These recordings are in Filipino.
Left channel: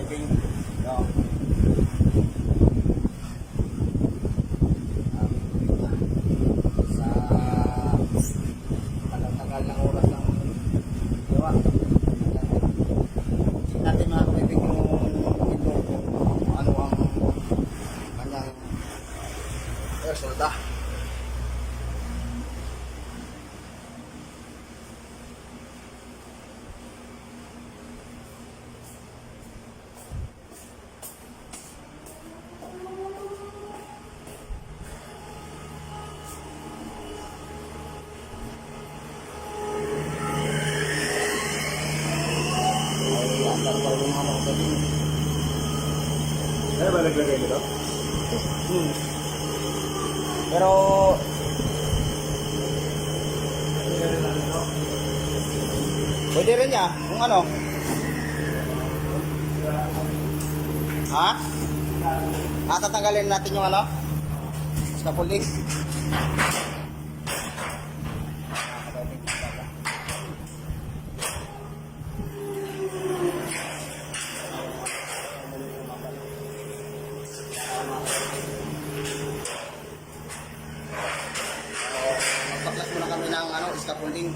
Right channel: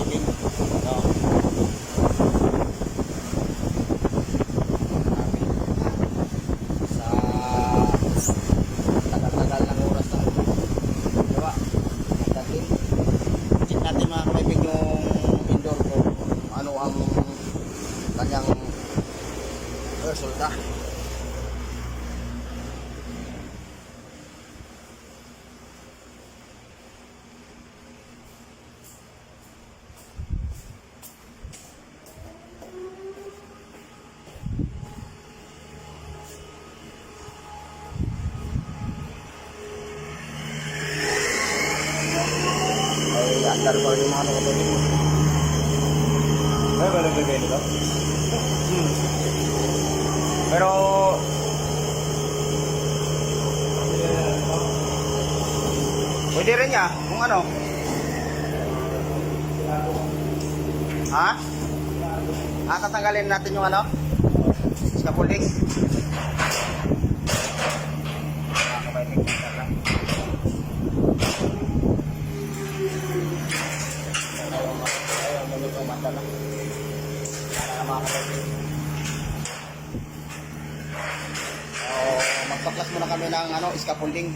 kabaiking. Ito. Marami. Sa tagal-tagal ng oras lang. Diba? Check natin mga kabaiking yung indoor ko. Ano ang kanyang resulta. Andar pa rin yung mga nakapagin. Ay, ba naglagay na ba? Pero pwede rin niya kung ano. Ha? Tatanggalin natin yung ano? Scaffolding. Nakakabaiting kita. Magpaklas muna kami ng ano, scaffolding.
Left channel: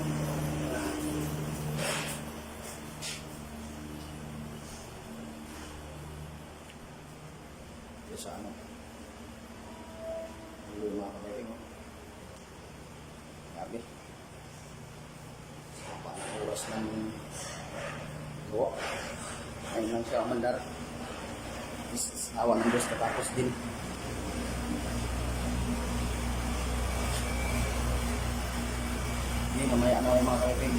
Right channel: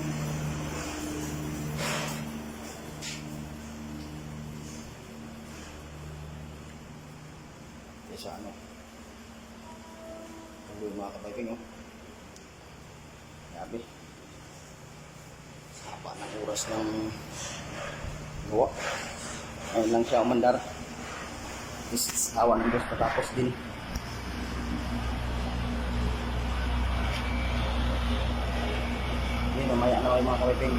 Sa ano. Ano yung mga kabaiking, oh. Grabe. Haba ng oras ng gawa. Ayun lang siya umandar. Awa ng Diyos patapos din. Hindi, mamaya na yung mga kabaiking.